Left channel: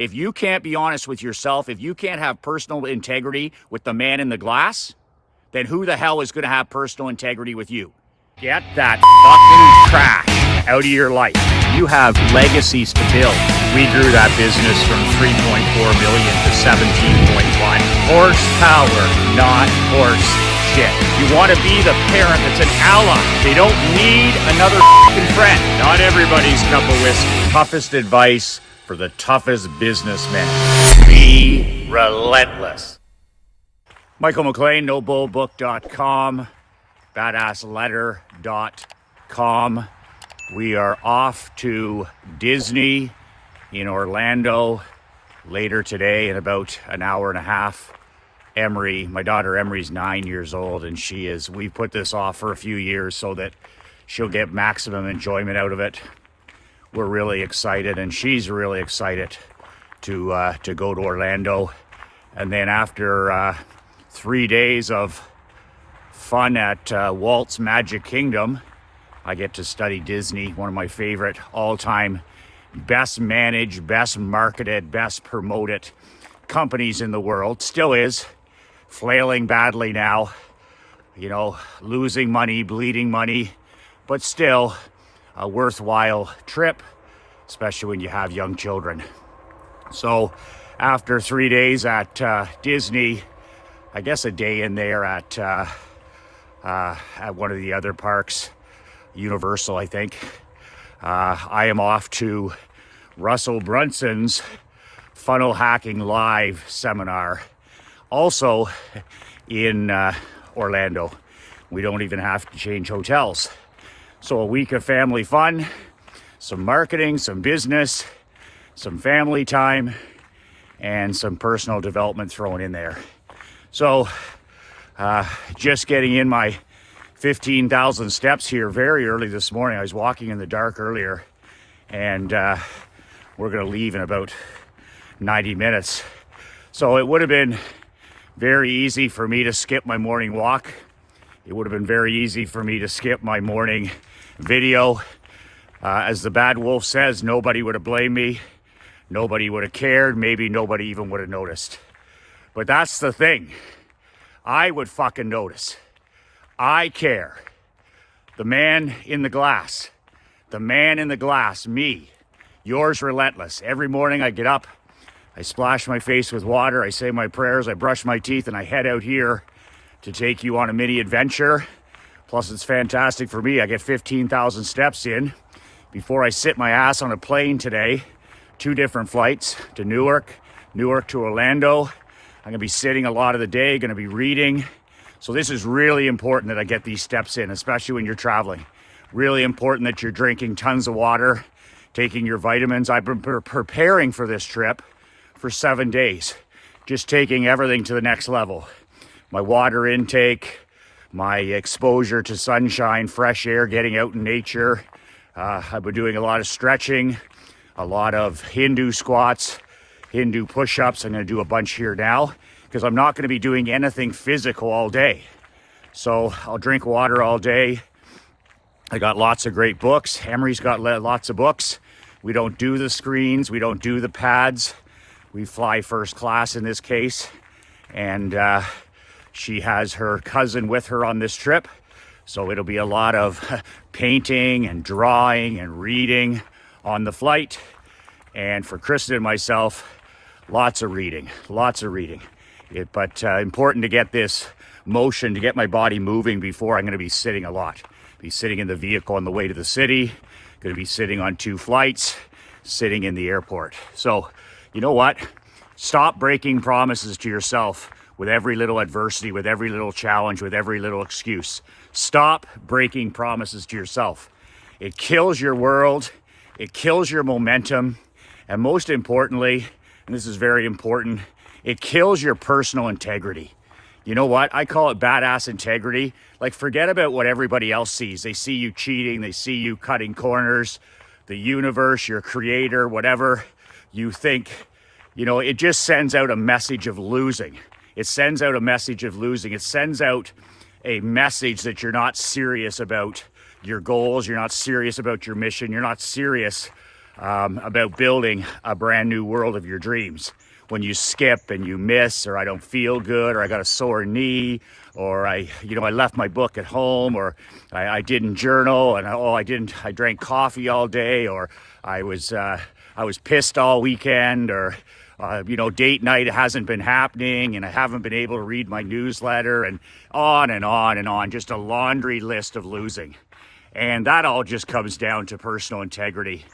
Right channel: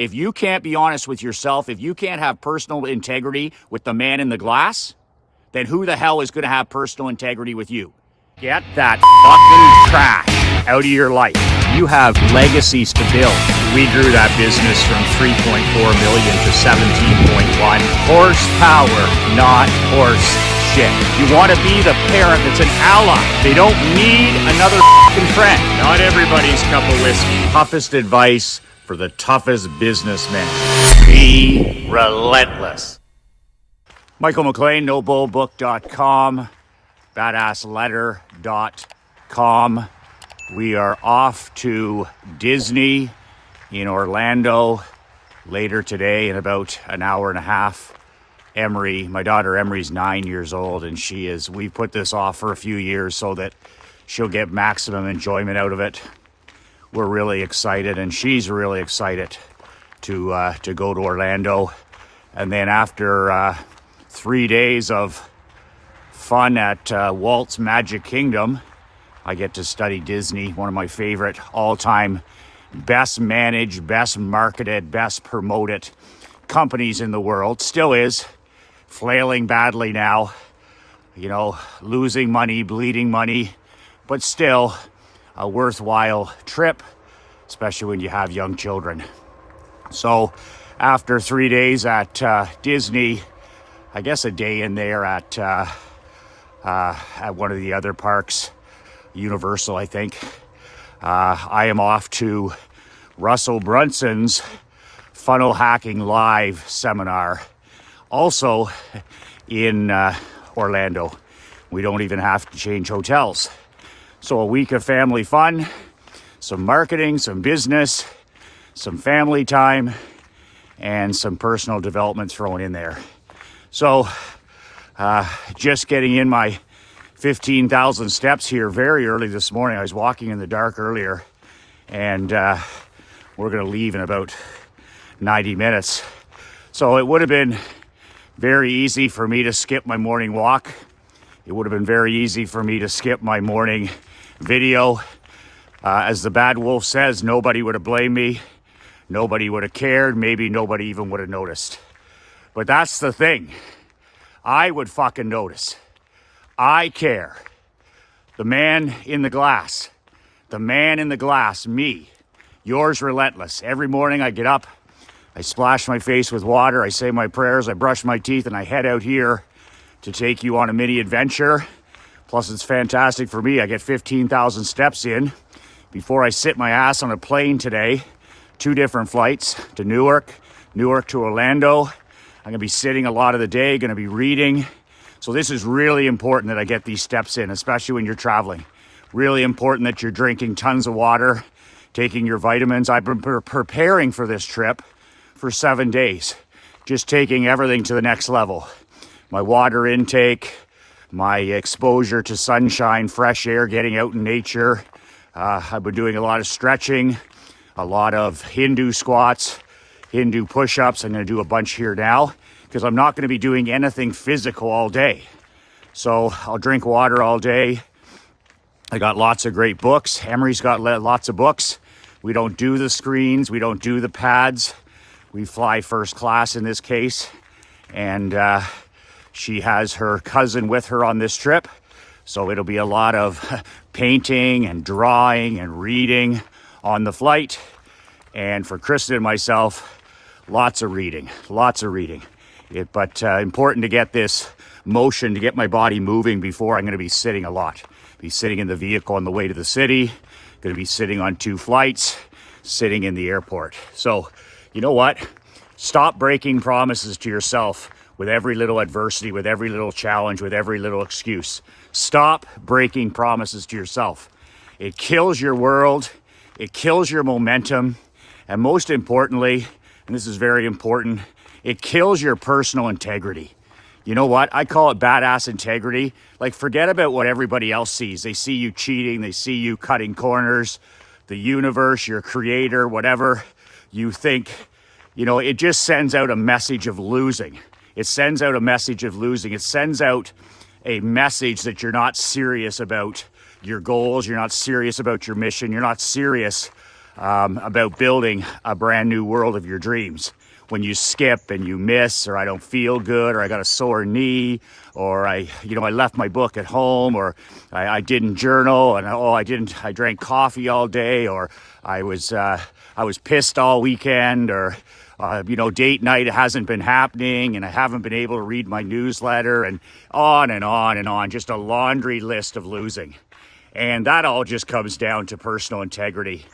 If you can't be honest with yourself, if you can't have personal integrity with the man in the glass, then who the hell is going to have personal integrity with you? Get that fucking trash out of your life. You have legacies to build. We grew that business from 3.4 million to 17.1. Horsepower, not horse shit. You want to be the parent that's an ally. They don't need another fucking friend. Not everybody's cup of whiskey. Toughest advice for the toughest businessman. Be relentless. Michael McLean, NoBullBook.com, BadassLetter.com. We are off to Disney in Orlando later today in about an hour and a half. Emery, my daughter Emery's 9 years old, and we put this off for a few years so that she'll get maximum enjoyment out of it. We're really excited, and she's really excited to go to Orlando. And then after 3 days of fun at Walt's Magic Kingdom, I get to study Disney, one of my favorite all-time best managed, best marketed, best promoted companies in the world. Still is. Flailing badly now, you know, losing money, bleeding money, but still a worthwhile trip, especially when you have young children. So after 3 days at Disney, I guess a day in there at one of the other parks, Universal, I think, I am off to Russell Brunson's Funnel Hacking Live seminar, also in Orlando. We don't even have to change hotels. So a week of family fun, some marketing, some business, some family time, and some personal development thrown in there. So just getting in my 15,000 steps here very early this morning. I was walking in the dark earlier, and we're gonna leave in about 90 minutes. So it would have been very easy for me to skip my morning walk. It would have been very easy for me to skip my morning video. As the bad wolf says, nobody would have blamed me. Nobody would have cared. Maybe nobody even would have noticed. But that's the thing. I would fucking notice. I care. The man in the glass. The man in the glass, me. Yours relentless. Every morning I get up, I splash my face with water, I say my prayers, I brush my teeth, and I head out here to take you on a mini adventure. Plus it's fantastic for me. I get 15,000 steps in before I sit my ass on a plane today. 2 different flights to Newark to Orlando. I'm gonna be sitting a lot of the day, gonna be reading. So this is really important that I get these steps in, especially when you're traveling. Really important that you're drinking tons of water, taking your vitamins. I've been preparing for this trip for 7 days, just taking everything to the next level. My water intake, my exposure to sunshine, fresh air, getting out in nature. I've been doing a lot of stretching, a lot of Hindu squats, Hindu push-ups. I'm gonna do a bunch here now because I'm not gonna be doing anything physical all day. So I'll drink water all day. I got lots of great books. Emery's got lots of books. We don't do the screens, we don't do the pads. We fly first class in this case. And she has her cousin with her on this trip. So it'll be a lot of painting and drawing and reading on the flight. And for Kristen and myself, lots of reading. But important to get this motion, to get my body moving before I'm gonna be sitting a lot. Be sitting in the vehicle on the way to the city, gonna be sitting on 2 flights, sitting in the airport. So, you know what? Stop breaking promises to yourself with every little adversity, with every little challenge, with every little excuse. Stop breaking promises to yourself. It kills your world, it kills your momentum, and most importantly, and this is very important, it kills your personal integrity. You know what? I call it badass integrity. Like, forget about what everybody else sees. They see you cheating, they see you cutting corners, the universe, your creator, whatever you think, you know, it just sends out a message of losing. It sends out a message of losing. It sends out a message that you're not serious about your goals, you're not serious about your mission, you're not serious about building a brand new world of your dreams. When you skip and you miss, or I don't feel good, or I got a sore knee, or I left my book at home, or I didn't journal, and I drank coffee all day, or I was pissed all weekend, or date night hasn't been happening, and I haven't been able to read my newsletter, and on and on and on, just a laundry list of losing. And that all just comes down to personal integrity.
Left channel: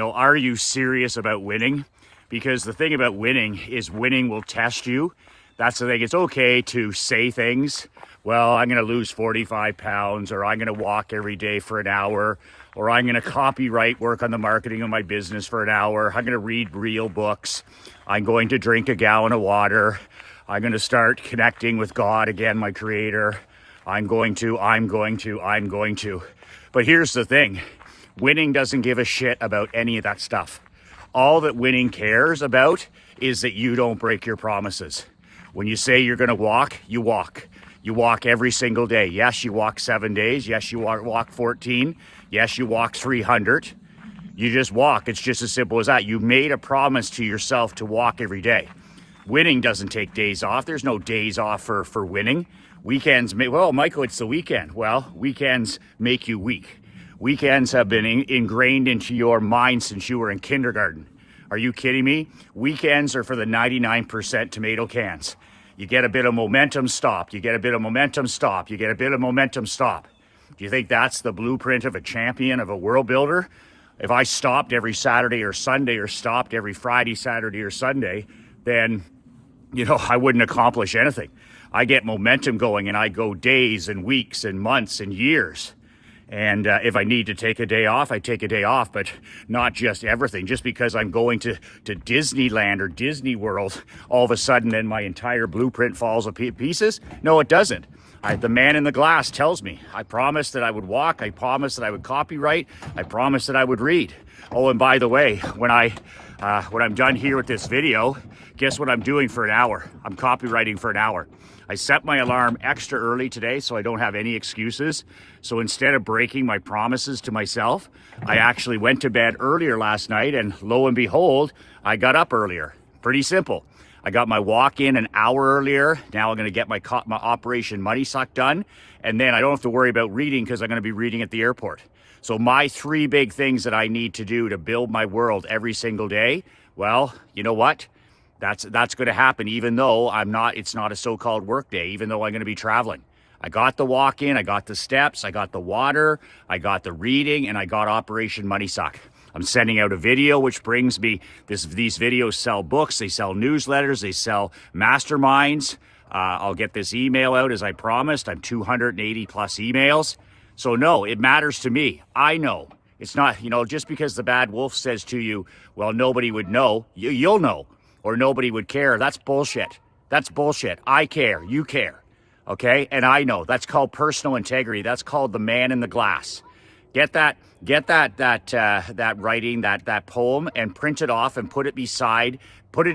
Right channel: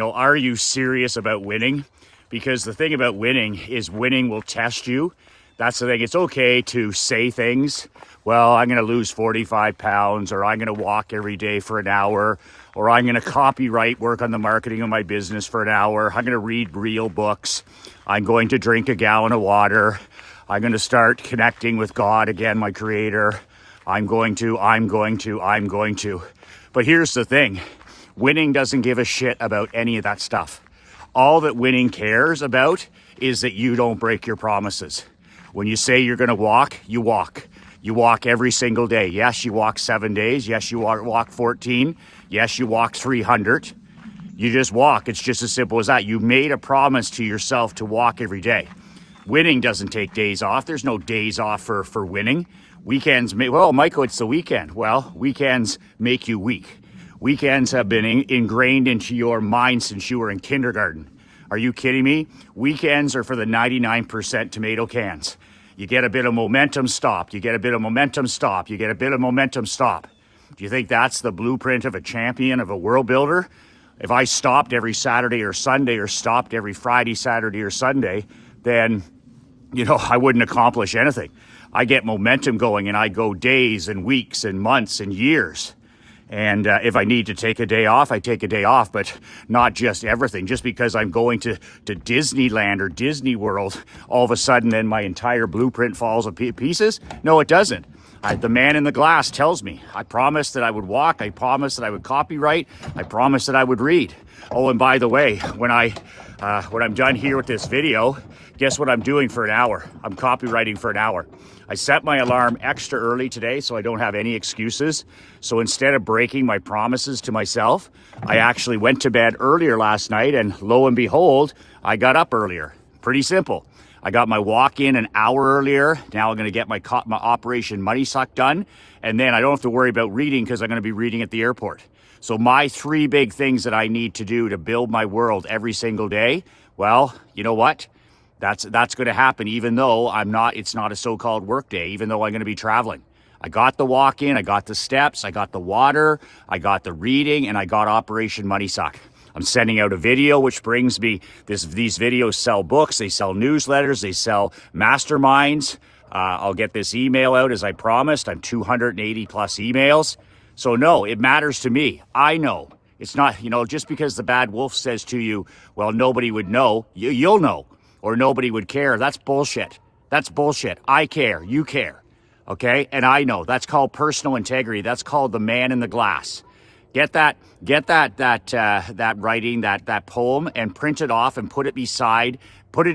Are you serious about winning? Because the thing about winning is winning will test you. That's the thing. It's okay to say things. Well, I'm going to lose 45 pounds, or I'm going to walk every day for an hour, or I'm going to copyright, work on the marketing of my business for an hour. I'm going to read real books. I'm going to drink a gallon of water. I'm going to start connecting with God again, my creator. I'm going to. But here's the thing. Winning doesn't give a shit about any of that stuff. All that winning cares about is that you don't break your promises. When you say you're going to walk, you walk. You walk every single day. Yes, you walk 7 days. Yes, you walk 14. Yes, you walk 300. You just walk. It's just as simple as that. You made a promise to yourself to walk every day. Winning doesn't take days off. There's no days off for winning. Weekends Michael, it's the weekend. Well, weekends make you weak. Weekends have been ingrained into your mind since you were in kindergarten. Are you kidding me? Weekends are for the 99% tomato cans. You get a bit of momentum, stop. You get a bit of momentum, stop. You get a bit of momentum, stop. Do you think that's the blueprint of a champion, of a world builder? If I stopped every Saturday or Sunday, or stopped every Friday, Saturday, or Sunday, then, I wouldn't accomplish anything. I get momentum going, and I go days and weeks and months and years. And if I need to take a day off, I take a day off, but not just everything. Just because I'm going to Disneyland or Disney World, all of a sudden then my entire blueprint falls to pieces? No, it doesn't. The man in the glass tells me. I promised that I would walk. I promised that I would copyright. I promised that I would read. Oh, and by the way, when I'm done here with this video, guess what I'm doing for an hour? I'm copywriting for an hour. I set my alarm extra early today so I don't have any excuses. So instead of breaking my promises to myself, I actually went to bed earlier last night, and lo and behold, I got up earlier. Pretty simple. I got my walk in an hour earlier. Now I'm going to get my Operation Money Suck done. And then I don't have to worry about reading because I'm going to be reading at the airport. So my 3 big things that I need to do to build my world every single day, well, you know what? That's going to happen even though it's not a so-called work day, even though I'm going to be traveling. I got the walk in, I got the steps, I got the water, I got the reading, and I got Operation Money Suck. I'm sending out a video, which brings me these videos sell books, they sell newsletters, they sell masterminds. I'll get this email out as I promised. I'm 280 plus emails. So no, it matters to me. I know. It's not, just because the bad wolf says to you, well, nobody would know, you'll know. Or nobody would care. That's bullshit. That's bullshit. I care. You care. Okay? And I know. That's called personal integrity. That's called the man in the glass. Get that writing, that poem, and print it off and put it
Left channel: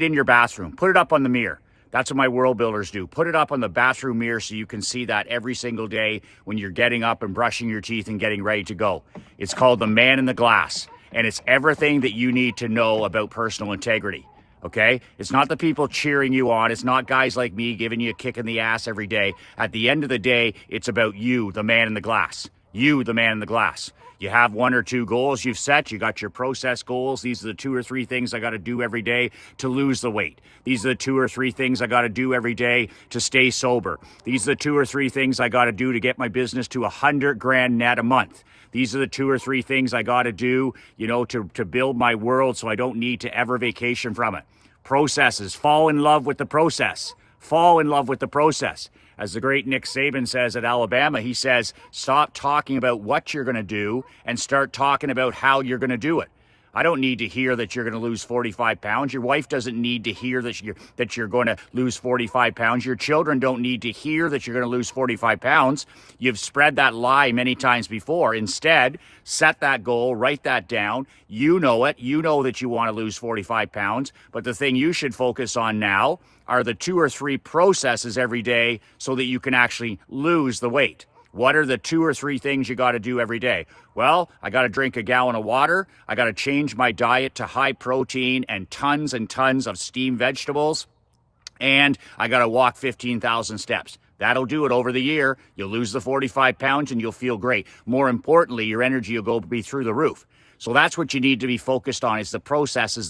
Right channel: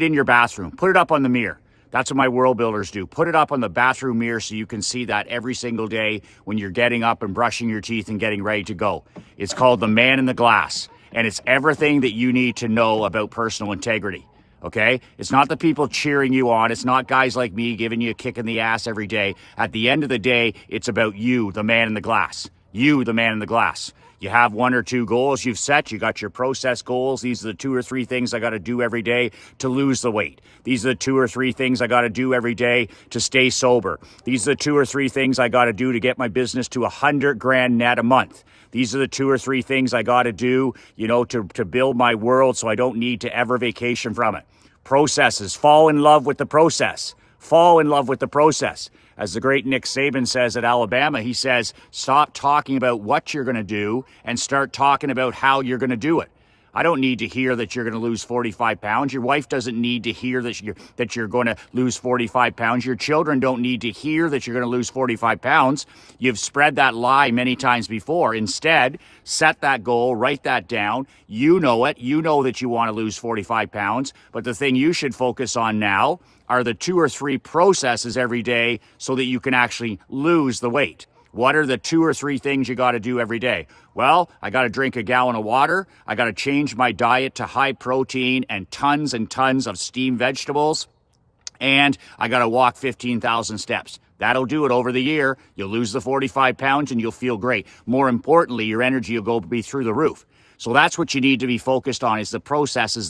in your bathroom. Put it up on the mirror. That's what my world builders do. Put it up on the bathroom mirror so you can see that every single day when you're getting up and brushing your teeth and getting ready to go. It's called the man in the glass. And it's everything that you need to know about personal integrity. Okay? It's not the people cheering you on. It's not guys like me giving you a kick in the ass every day. At the end of the day, it's about you, the man in the glass. You, the man in the glass. You have 1 or 2 goals you've set. You got your process goals. These are the 2 or 3 things I got to do every day to lose the weight. These are the 2 or 3 things I got to do every day to stay sober. These are the 2 or 3 things I got to do to get my business to $100,000 net a month. These are the 2 or 3 things I got to do, to build my world so I don't need to ever vacation from it. Processes. Fall in love with the process. Fall in love with the process. As the great Nick Saban says at Alabama, he says, stop talking about what you're going to do and start talking about how you're going to do it. I don't need to hear that you're going to lose 45 pounds. Your wife doesn't need to hear that you're going to lose 45 pounds. Your children don't need to hear that you're going to lose 45 pounds. You've spread that lie many times before. Instead, set that goal, write that down. You know it. You know that you want to lose 45 pounds. But the thing you should focus on now are the 2 or 3 processes every day so that you can actually lose the weight. What are the 2 or 3 things you got to do every day? Well, I got to drink a gallon of water. I got to change my diet to high protein and tons of steamed vegetables. And I got to walk 15,000 steps. That'll do it over the year. You'll lose the 45 pounds and you'll feel great. More importantly, your energy will be through the roof. So that's what you need to be focused on, is the processes.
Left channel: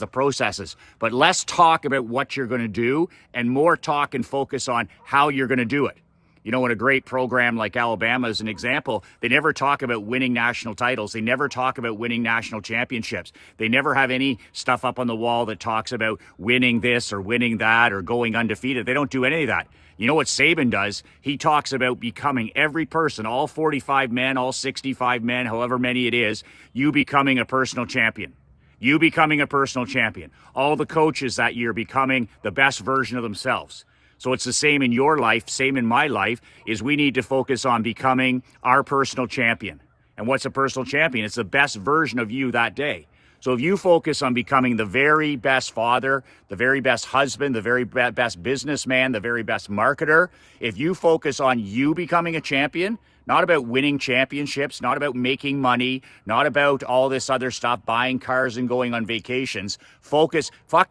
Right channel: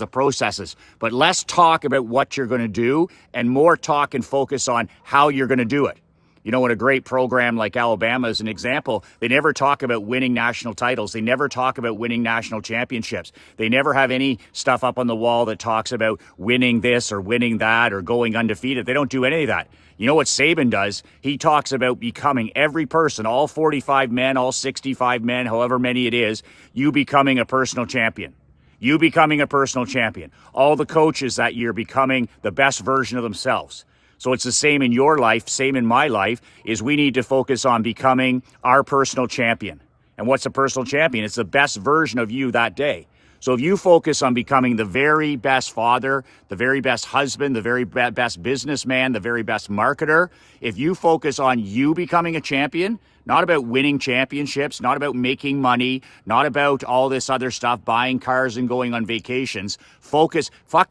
But less talk about what you're going to do and more talk and focus on how you're going to do it. You know, in a great program like Alabama, as an example, they never talk about winning national titles. They never talk about winning national championships. They never have any stuff up on the wall that talks about winning this or winning that or going undefeated. They don't do any of that. You know what Saban does? He talks about becoming every person, all 45 men, all 65 men, however many it is, you becoming a personal champion. You becoming a personal champion. All the coaches that year becoming the best version of themselves. So it's the same in your life, same in my life, is we need to focus on becoming our personal champion. And what's a personal champion? It's the best version of you that day. So if you focus on becoming the very best father, the very best husband, the very best businessman, the very best marketer, if you focus on you becoming a champion, not about winning championships, not about making money, not about all this other stuff, buying cars and going on vacations. Fuck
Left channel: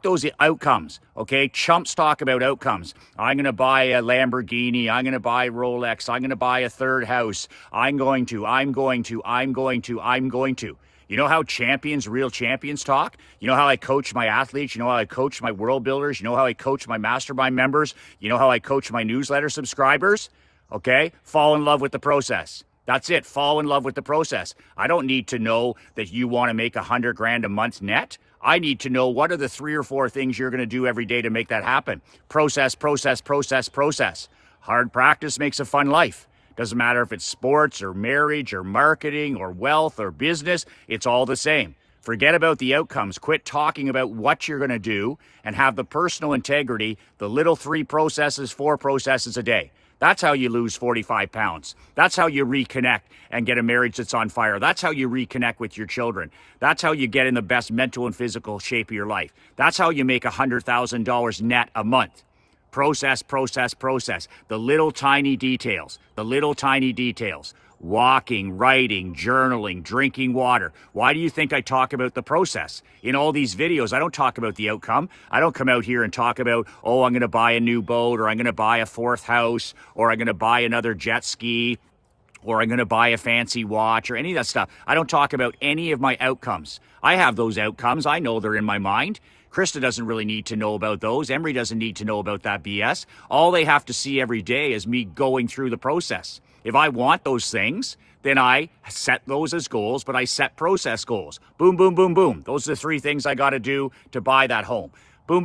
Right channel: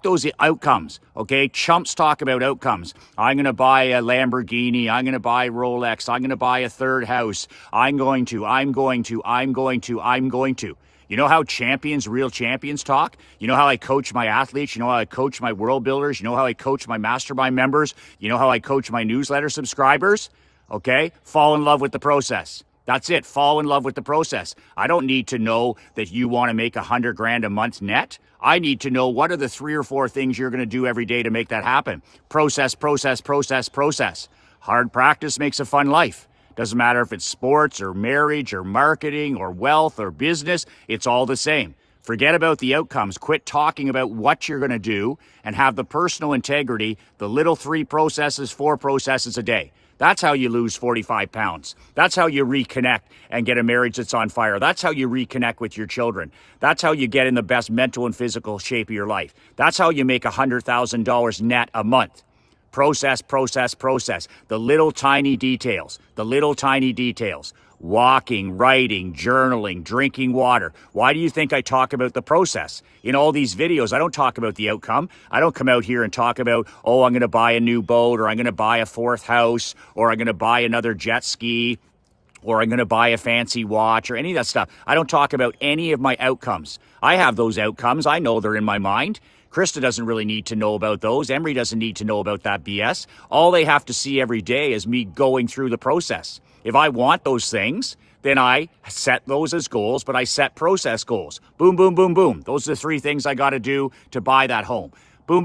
those outcomes, okay? Chumps talk about outcomes. I'm going to buy a Lamborghini. I'm going to buy Rolex. I'm going to buy a third house. I'm going to. You know how real champions talk? You know how I coach my athletes? You know how I coach my world builders? You know how I coach my mastermind members? You know how I coach my newsletter subscribers? Okay, fall in love with the process. That's it. Fall in love with the process. I don't need to know that you want to make $100,000 a month net. I need to know what are the 3 or 4 things you're going to do every day to make that happen. Process. Hard practice makes a fun life. Doesn't matter if it's sports or marriage or marketing or wealth or business. It's all the same. Forget about the outcomes. Quit talking about what you're going to do and have the personal integrity, the little 4 processes a day. That's how you lose 45 pounds. That's how you reconnect and get a marriage that's on fire. That's how you reconnect with your children. That's how you get in the best mental and physical shape of your life. That's how you make $100,000 net a month. Process. The little tiny details. Walking, writing, journaling, drinking water. Why do you think I talk about the process? In all these videos, I don't talk about the outcome. I don't come out here and talk about, oh, I'm going to buy a new boat, or I'm going to buy a 4th house, or I'm going to buy another jet ski, or I'm going to buy a fancy watch, or any of that stuff. I don't talk about any of my outcomes. I have those outcomes. I know they're in my mind. Krista doesn't really need to know about those. Emery doesn't need to know about that BS. All they have to see every day is me going through the process. If I want those things, then I set those as goals, but I set process goals. Boom. Those are the 3 things I got to do to buy that home. Boom.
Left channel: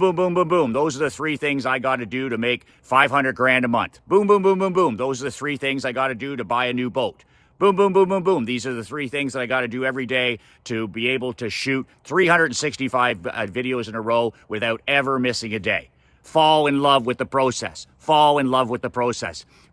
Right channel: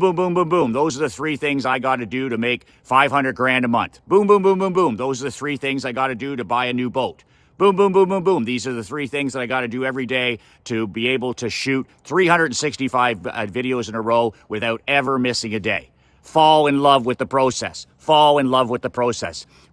Those are the 3 things I got to do to make $500,000 a month. Boom. Those are the 3 things I got to do to buy a new boat. Boom. These are the 3 things that I got to do every day to be able to shoot 365 videos in a row without ever missing a day. Fall in love with the process.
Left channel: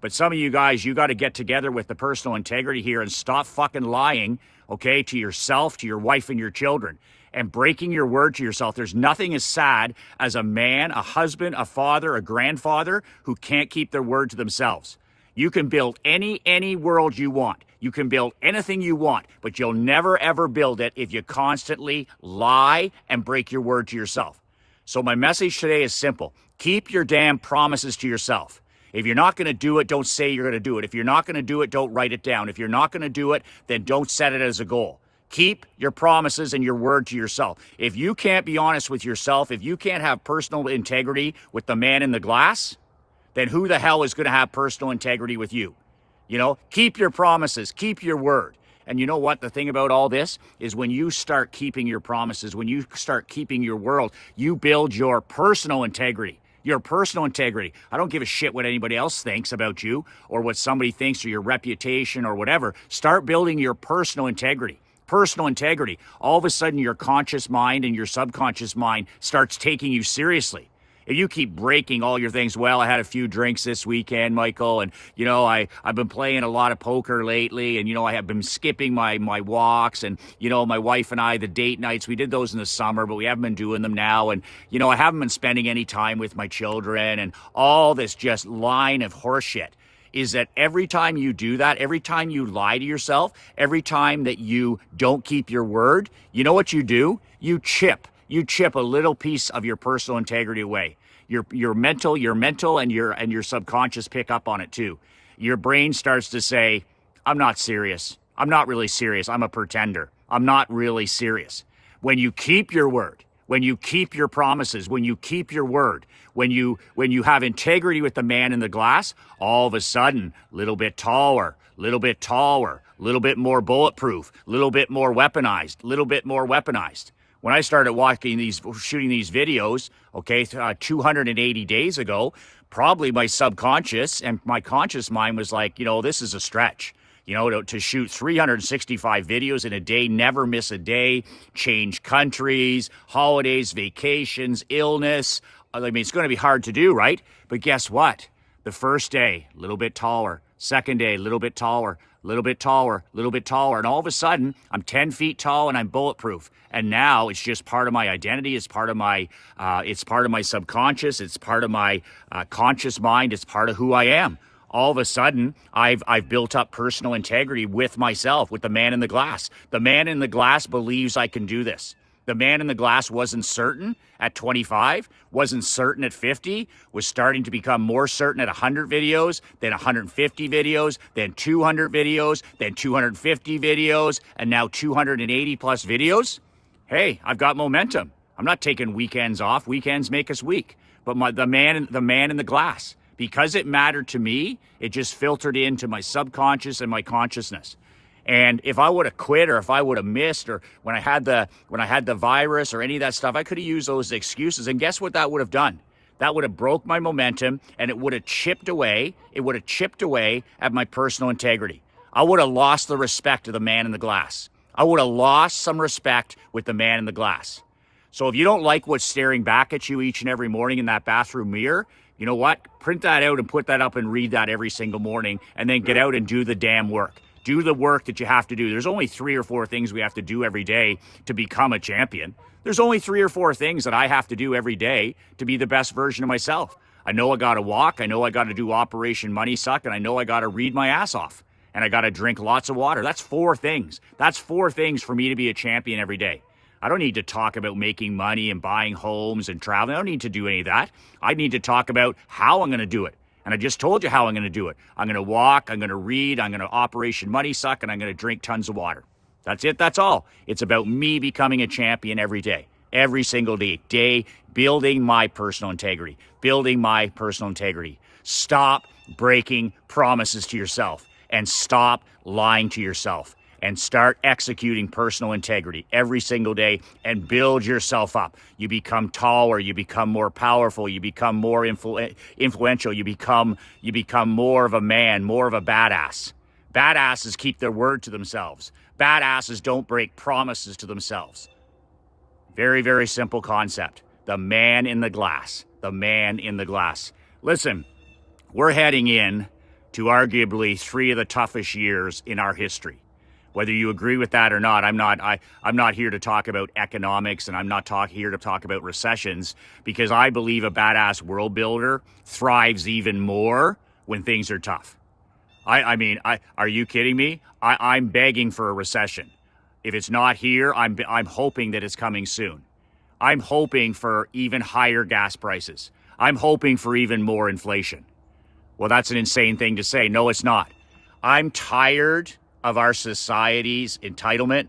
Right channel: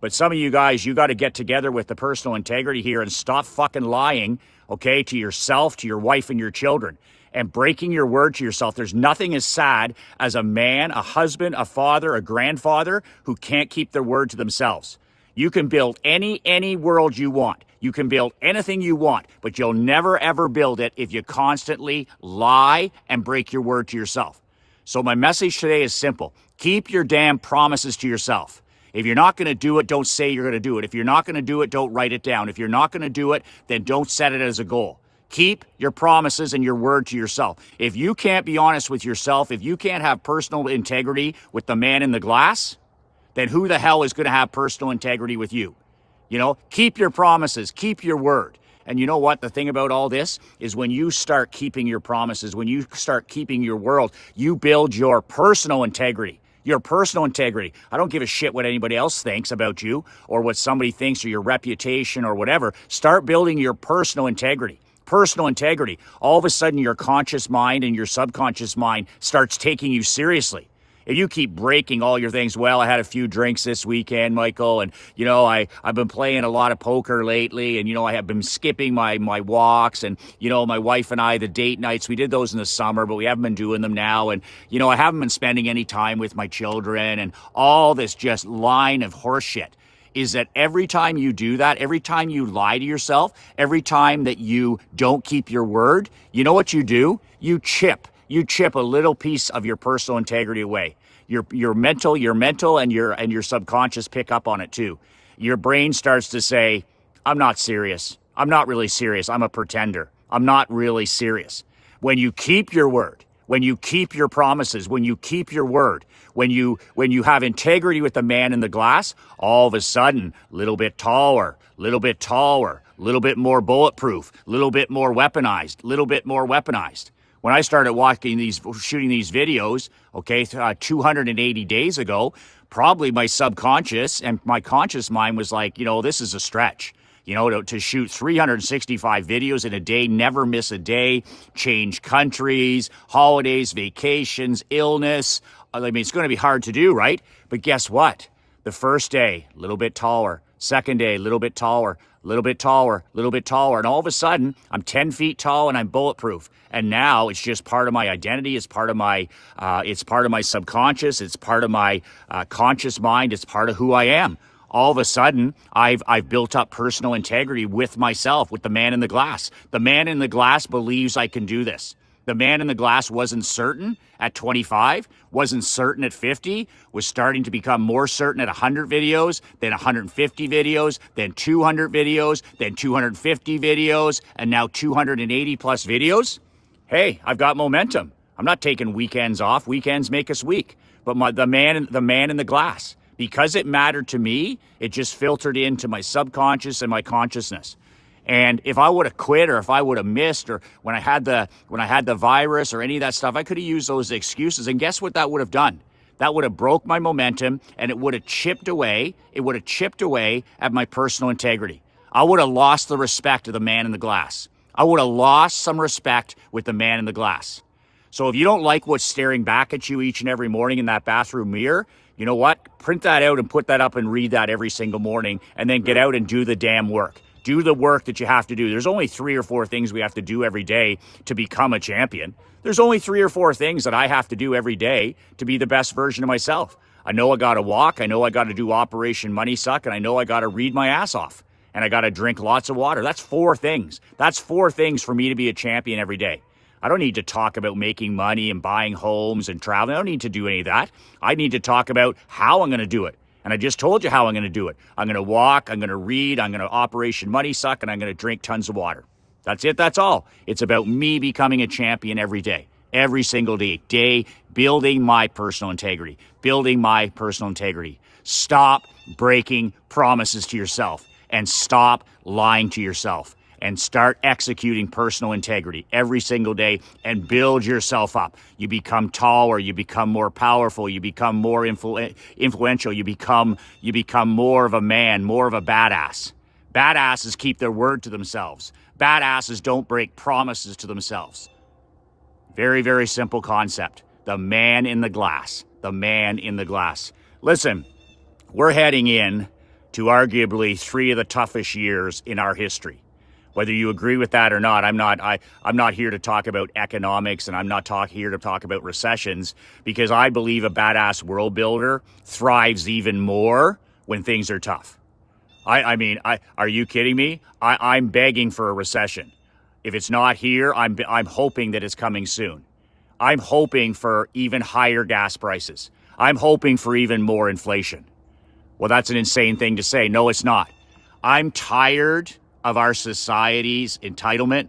But some of you guys, you got to get together with the personal integrity here and stop fucking lying, okay, to yourself, to your wife and your children, and breaking your word to yourself. There's nothing as sad as a man, a husband, a father, a grandfather who can't keep their word to themselves. You can build any world you want. You can build anything you want, but you'll never ever build it if you constantly lie and break your word to yourself. So my message today is simple. Keep your damn promises to yourself. If you're not going to do it, don't say you're going to do it. If you're not going to do it, don't write it down. If you're not going to do it, then don't set it as a goal. Keep your promises and your word to yourself. If you can't be honest with yourself, if you can't have personal integrity with the man in the glass, then who the hell is going to have personal integrity with you? You know, keep your promises, keep your word. And you know what? The thing about all this is when you start keeping your promises, when you start keeping your word, you build your personal integrity. Your personal integrity. I don't give a shit what anybody else thinks about you or what somebody thinks or your reputation or whatever. Start building your personal integrity. Personal integrity. All of a sudden, your conscious mind and your subconscious mind starts taking you seriously. If you keep breaking all your things, well, I had a few drinks this weekend, Michael, and, you know, I've been playing a lot of poker lately, and, you know, I have been skipping my walks, and, you know, my wife and I, the date nights, we did those in the summer, but we haven't been doing them now, and, you know, I haven't been spending any time with my children, and all this just line of horse shit. is that every time you do that, every time you lie to yourself, every time that you don't keep your word, you know what you do? You chip a little piece of your personal integrity away. Your mental and your subconscious pick up on it too. Your brain starts to say, I'm not serious. I'm not really serious. I'm a pretender. I'm not really serious. When you keep your word, when you keep your promises, when you keep your word, when you have integrity with the man in the glass, all of a sudden, little bit taller, little bit more bulletproof, little bit more weaponized. When I started shooting these videos, okay, 280 days ago, probably my subconscious and my conscious mind was like, this is a stretch. To shoot 365 videos in a day, never miss a day, change countries, holidays, vacations, illness. I mean, it's going to be hard to do, right? But guess what? The first day, a little bit taller. Second day, a little bit taller, little bit taller. And all of a sudden, I'm 10 feet tall and I'm bulletproof. And now it's just part of my identity. It's part of my subconscious. It's part of my conscious mind. It's part of who I am. All of a sudden, I've built up personal integrity with myself, with the man in the glass. The man in the glass believes I can do this. The man in the glass wasn't certain at 25, wasn't certain at 50, was starting to become more certain at 100 videos, then 150 videos, then 200 videos, then 250 videos, and now 280 plus videos. Hey, I've got momentum. I'm not taking weekends off. Weekends make us weak. But the man in the glass. Because it mattered to me, it just filtered into my subconscious and my consciousness. And if I would have quit, or if I would have missed, or when I had the virus or any of that stuff, I could have used those excuses. And guess what that would have done? That would have broke my momentum, and it would have chipped away. It would have chipped away at my personal integrity. I would have lost the respect of the man in the glass. I would have lost some respect with the man in the glass. So if you don't like what's staring back at you each and every morning in that bathroom mirror, you know what? Print that out and put that up and read that every single morning, and then get out and do the damn work. Do the work that you have to do. There's only 3 or 4 things we have to do every day to become a champion. There's only 3 or 4 things that I have to do every day to be the best version of myself. I know I got to walk. I know I got to do Operation Money Suck, and I know I got to read my ass off. And I got to drink lots of water. That's 4 things. That's 4 things for me to be a champion every day. I don't need to talk about making money and buying homes and traveling. I don't need to do any of that. I need to talk about how I'm going to do it. And I just told you how I'm going to do it. I'm going to walk, I'm going to read, I'm going to Operation Money Suck, and I'm going to drink tons of water. That's it. That's all. It's about me becoming a champion every day, every single day, building my personal integrity, Stop breaking promises to yourself, and stop lying to yourself, and start executing personal integrity every single day, and build yourself up. You become taller, you become more powerful, you become more influential, you become more of a man, more of a badass. Badasses keep their word to themselves. Badasses don't break promises to themselves. Very, very simple concept. The man in the glass. The man in the glass. Listen, we're heading in to arguably 3 of the toughest years in our history. Whether you agree with that or not, I'm not here to talk about economics, and I'm not here to talk about recessions, because I believe a badass world builder thrives even more when things are tough. I mean, are you kidding me? I'm begging for a recession. If it's not here, I'm hoping that it's coming soon. I'm hoping for even higher gas prices. I'm hoping for even more inflation. Well, that's an insane thing to say. No, it's not. I'm tired of our society's entitlement.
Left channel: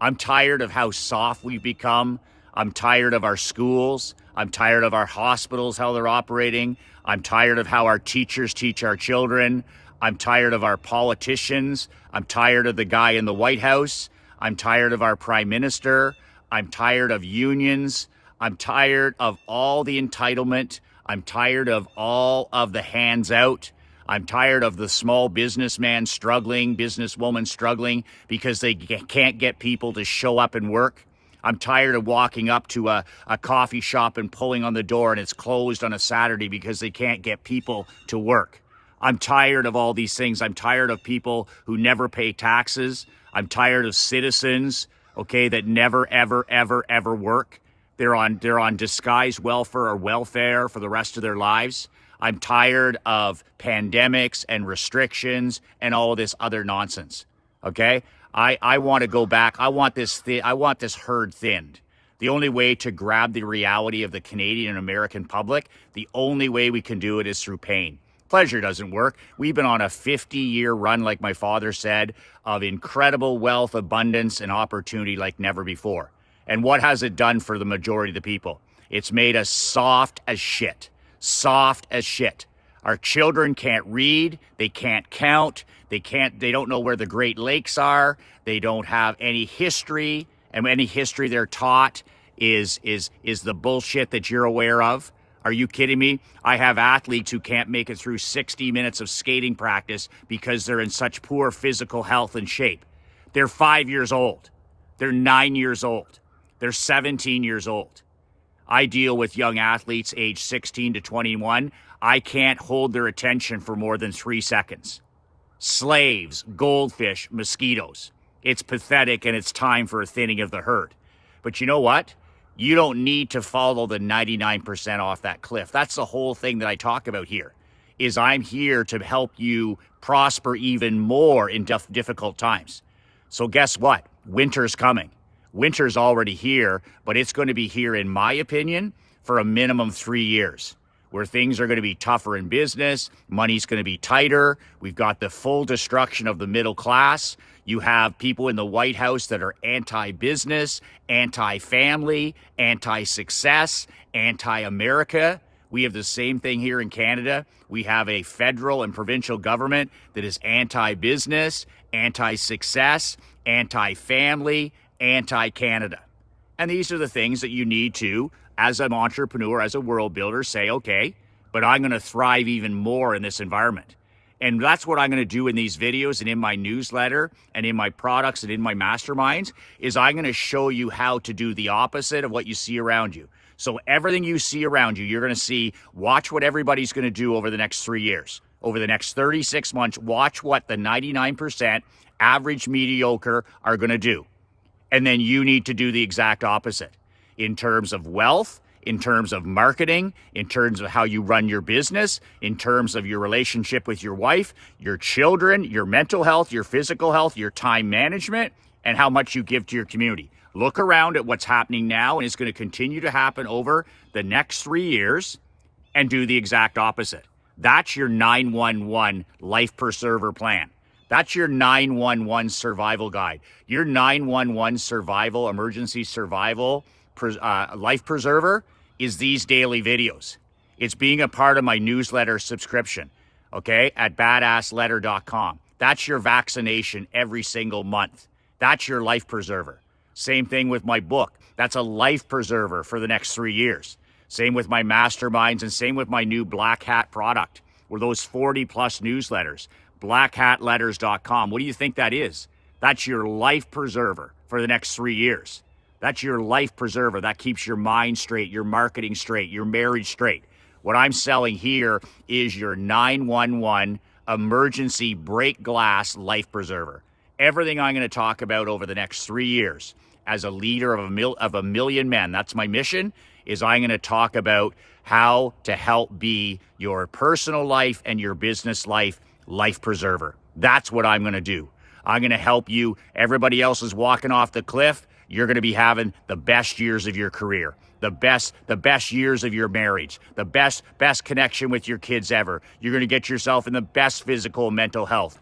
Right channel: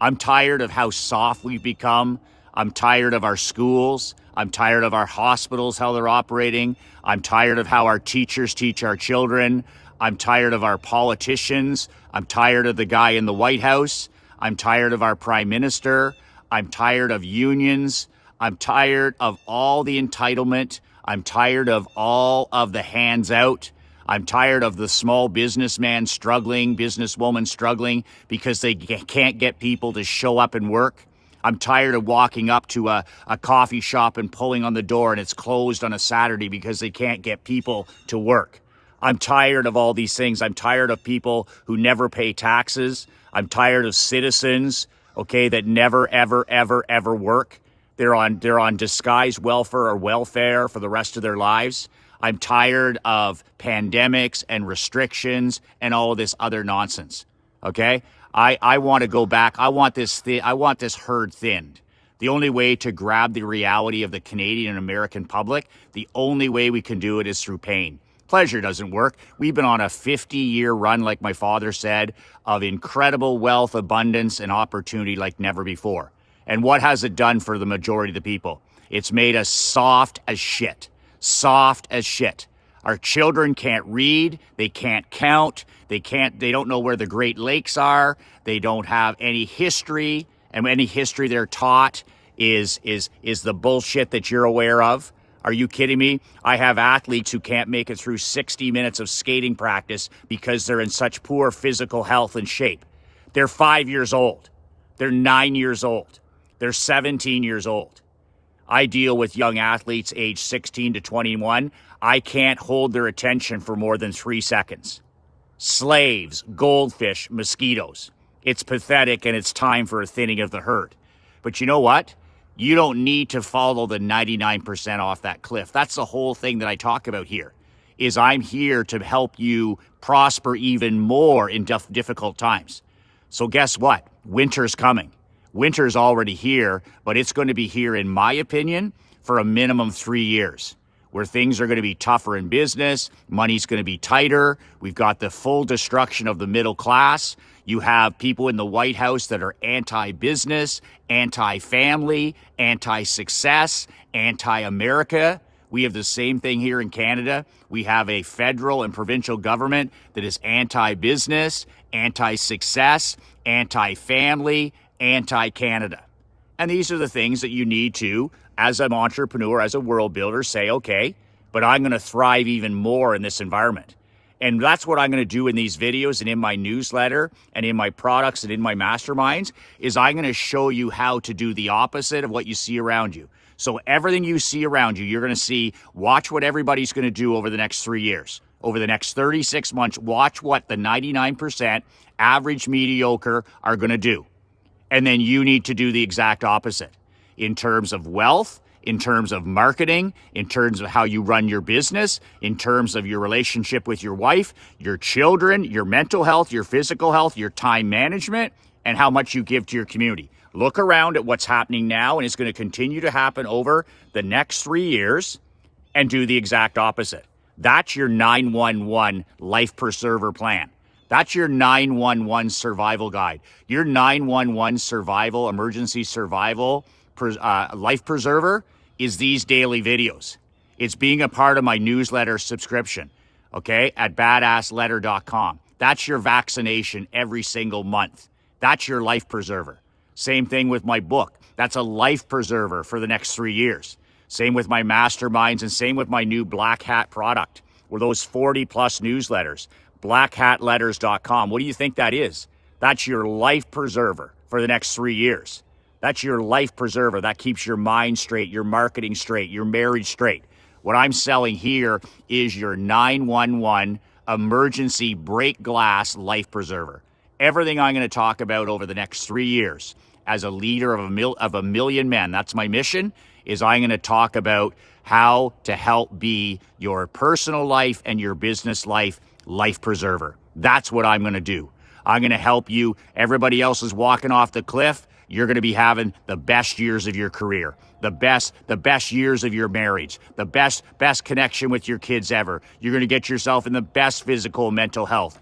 I'm tired of how soft we've become. I'm tired of our schools. I'm tired of our hospitals, how they're operating. I'm tired of how our teachers teach our children. I'm tired of our politicians. I'm tired of the guy in the White House. I'm tired of our prime minister. I'm tired of unions. I'm tired of all the entitlement. I'm tired of all of the hands out. I'm tired of the small businessman struggling, businesswoman struggling because they can't get people to show up and work. I'm tired of walking up to a coffee shop and pulling on the door and it's closed on a Saturday because they can't get people to work. I'm tired of all these things. I'm tired of people who never pay taxes. I'm tired of citizens, okay, that never, ever, ever, ever work. They're on disguised welfare for the rest of their lives. I'm tired of pandemics and restrictions and all of this other nonsense. Okay? I want to go back. I want this herd thinned. The only way to grab the reality of the Canadian and American public, the only way we can do it is through pain. Pleasure doesn't work. We've been on a 50-year run, like my father said, of incredible wealth, abundance, and opportunity like never before. And what has it done for the majority of the people? It's made us soft as shit. Soft as shit. Our children can't read, they can't count, they don't know where the Great Lakes are, they don't have any history, and any history they're taught is the bullshit that you're aware of. Are you kidding me? I have athletes who can't make it through 60 minutes of skating practice because they're in such poor physical health and shape. They're 5 years old. They're 9 years old. They're 17 years old. I deal with young athletes aged 16 to 21. I can't hold their attention for more than 3 seconds. Slaves, goldfish, mosquitoes. It's pathetic, and it's time for a thinning of the herd. But you know what? You don't need to follow the 99% off that cliff. That's the whole thing that I talk about here, is I'm here to help you prosper even more in difficult times. So guess what? Winter's coming. Winter's already here, but it's going to be here, in my opinion, for a minimum 3 years, where things are going to be tougher in business, money's going to be tighter, we've got the full destruction of the middle class, you have people in the White House that are anti-business, anti-family, anti-success, anti-America. We have the same thing here in Canada. We have a federal and provincial government that is anti-business, anti-success, anti-family, anti-Canada. And these are the things that you need to, as an entrepreneur, as a world builder, say, okay, but I'm going to thrive even more in this environment. And that's what I'm going to do in these videos and in my newsletter and in my products and in my masterminds, is I'm going to show you how to do the opposite of what you see around you. So everything you see around you, you're going to see, watch what everybody's going to do over the next 3 years. Over the next 36 months, watch what the 99% average mediocre are going to do. And then you need to do the exact opposite in terms of wealth, in terms of marketing, in terms of how you run your business, in terms of your relationship with your wife, your children, your mental health, your physical health, your time management, and how much you give to your community. Look around at what's happening now, and it's going to continue to happen over the next 3 years, and do the exact opposite. That's your 911 life preserver plan. That's your 911 survival guide. Your 911 survival, emergency survival life preserver is these daily videos. It's being a part of my newsletter subscription, okay, at badassletter.com. That's your vaccination every single month. That's your life preserver. Same thing with my book. That's a life preserver for the next 3 years. Same with my masterminds, and same with my new Black Hat product, or those 40 plus newsletters. blackhatletters.com. What do you think that is? That's your life preserver for the next 3 years. That's your life preserver. That keeps your mind straight, your marketing straight, your marriage straight. What I'm selling here is your 911 emergency break glass life preserver. Everything I'm going to talk about over the next 3 years as a leader of a million men, that's my mission, is I'm going to talk about how to help be your personal life and your business life preserver. That's what I'm going to do. I'm going to help you. Everybody else is walking off the cliff. You're going to be having the best years of your career, the best years of your marriage, the best connection with your kids ever. You're going to get yourself in the best physical and mental health.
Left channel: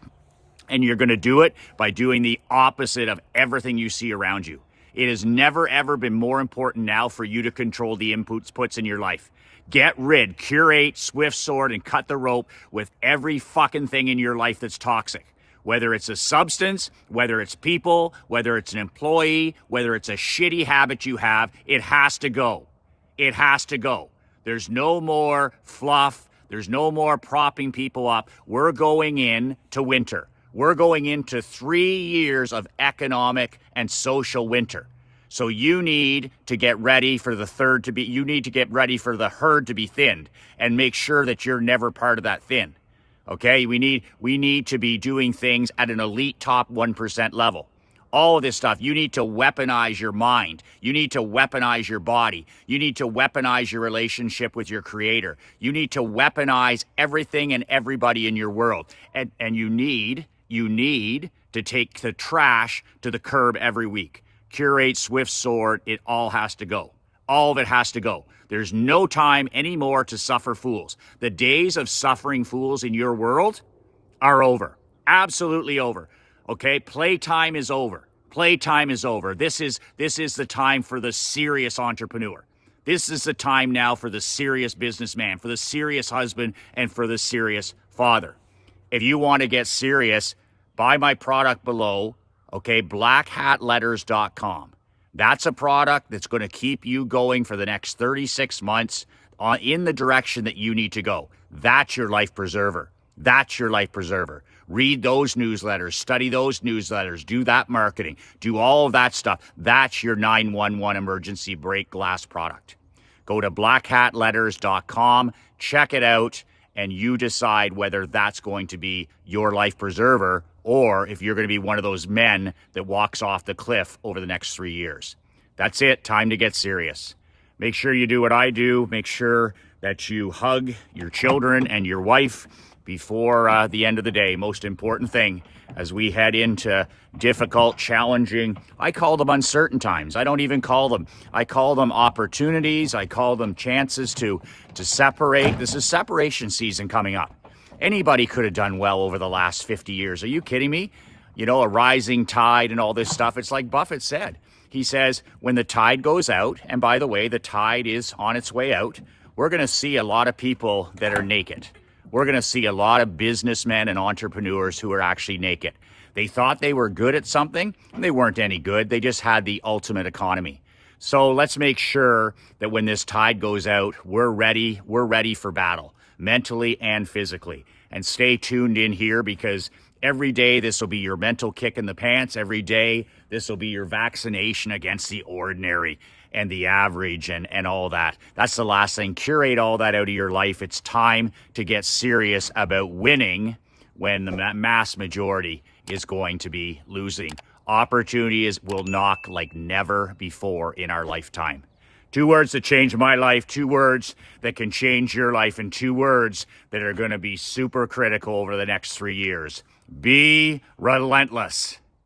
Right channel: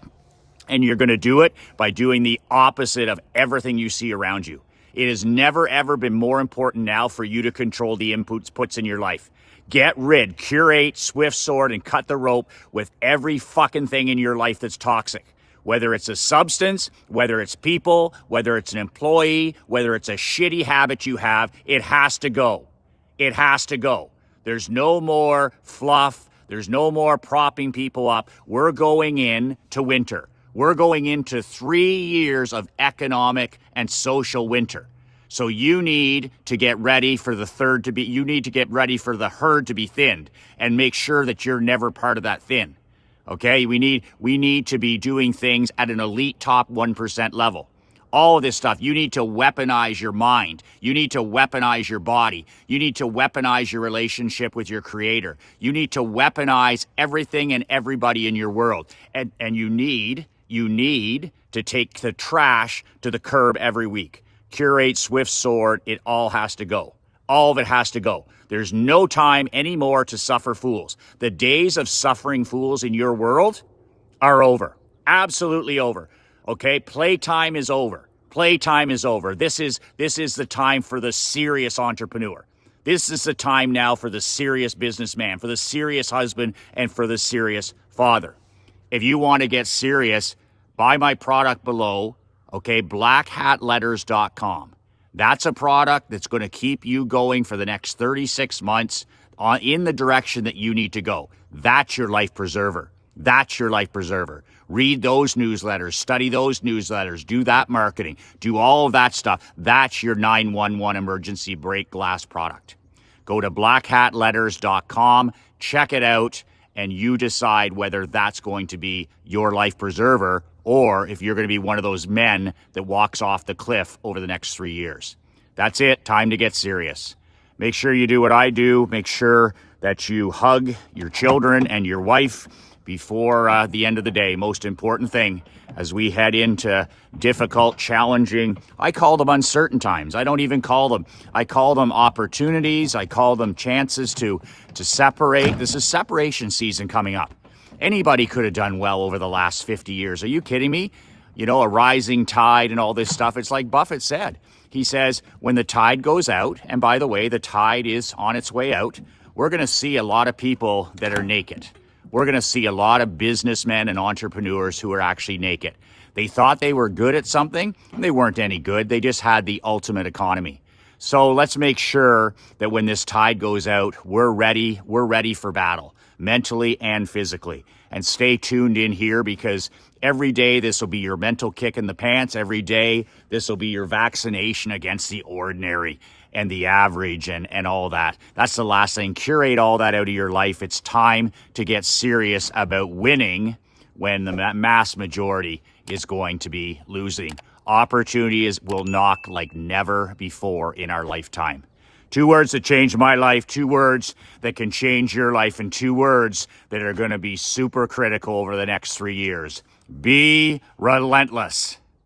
And you're going to do it by doing the opposite of everything you see around you. It has never, ever been more important now for you to control the inputs in your life. Get rid, curate, swift sword, and cut the rope with every fucking thing in your life that's toxic. Whether it's a substance, whether it's people, whether it's an employee, whether it's a shitty habit you have, it has to go. It has to go. There's no more fluff. There's no more propping people up. We're going into winter. We're going into 3 years of economic and social winter. So you need to get ready for the herd to be thinned, and make sure that you're never part of that thin. Okay, we need to be doing things at an elite top 1% level. All of this stuff. You need to weaponize your mind. You need to weaponize your body. You need to weaponize your relationship with your creator. You need to weaponize everything and everybody in your world. And you need to take the trash to the curb every week. Curate, Swift Sword, it all has to go. All of it has to go. There's no time anymore to suffer fools. The days of suffering fools in your world are over. Absolutely over. Okay, playtime is over. Playtime is over. This is the time for the serious entrepreneur. This is the time now for the serious businessman, for the serious husband, and for the serious father. If you want to get serious, buy my product below, okay, blackhatletters.com. That's a product that's going to keep you going for the next 36 months in the direction that you need to go. That's your life preserver. That's your life preserver. Read those newsletters, study those newsletters, do that marketing, do all of that stuff. That's your 911 emergency break glass product. Go to blackhatletters.com, check it out, and you decide whether that's going to be your life preserver or if you're going to be one of those men that walks off the cliff over the next 3 years. That's it. Time to get serious. Make sure you do what I do. Make sure that you hug your children and your wife before the end of the day. Most important thing as we head into difficult, challenging, I call them uncertain times. I don't even call them. I call them opportunities. I call them chances to separate. This is separation season coming up. Anybody could have done well over the last 50 years. Are you kidding me? You know, a rising tide and all this stuff. It's like Buffett said. He says, when the tide goes out, and by the way, the tide is on its way out, we're going to see a lot of people that are naked. We're going to see a lot of businessmen and entrepreneurs who are actually naked. They thought they were good at something. They weren't any good. They just had the ultimate economy. So let's make sure that when this tide goes out, we're ready. We're ready for battle, mentally and physically. And stay tuned in here because every day this will be your mental kick in the pants. Every day this will be your vaccination against the ordinary and the average and all that. That's the last thing. Curate all that out of your life. It's time to get serious about winning when the mass majority is going to be losing. Opportunities will knock like never before in our lifetime. 2 words that changed my life, 2 words that can change your life, and 2 words that are going to be super critical over the next 3 years. Be relentless.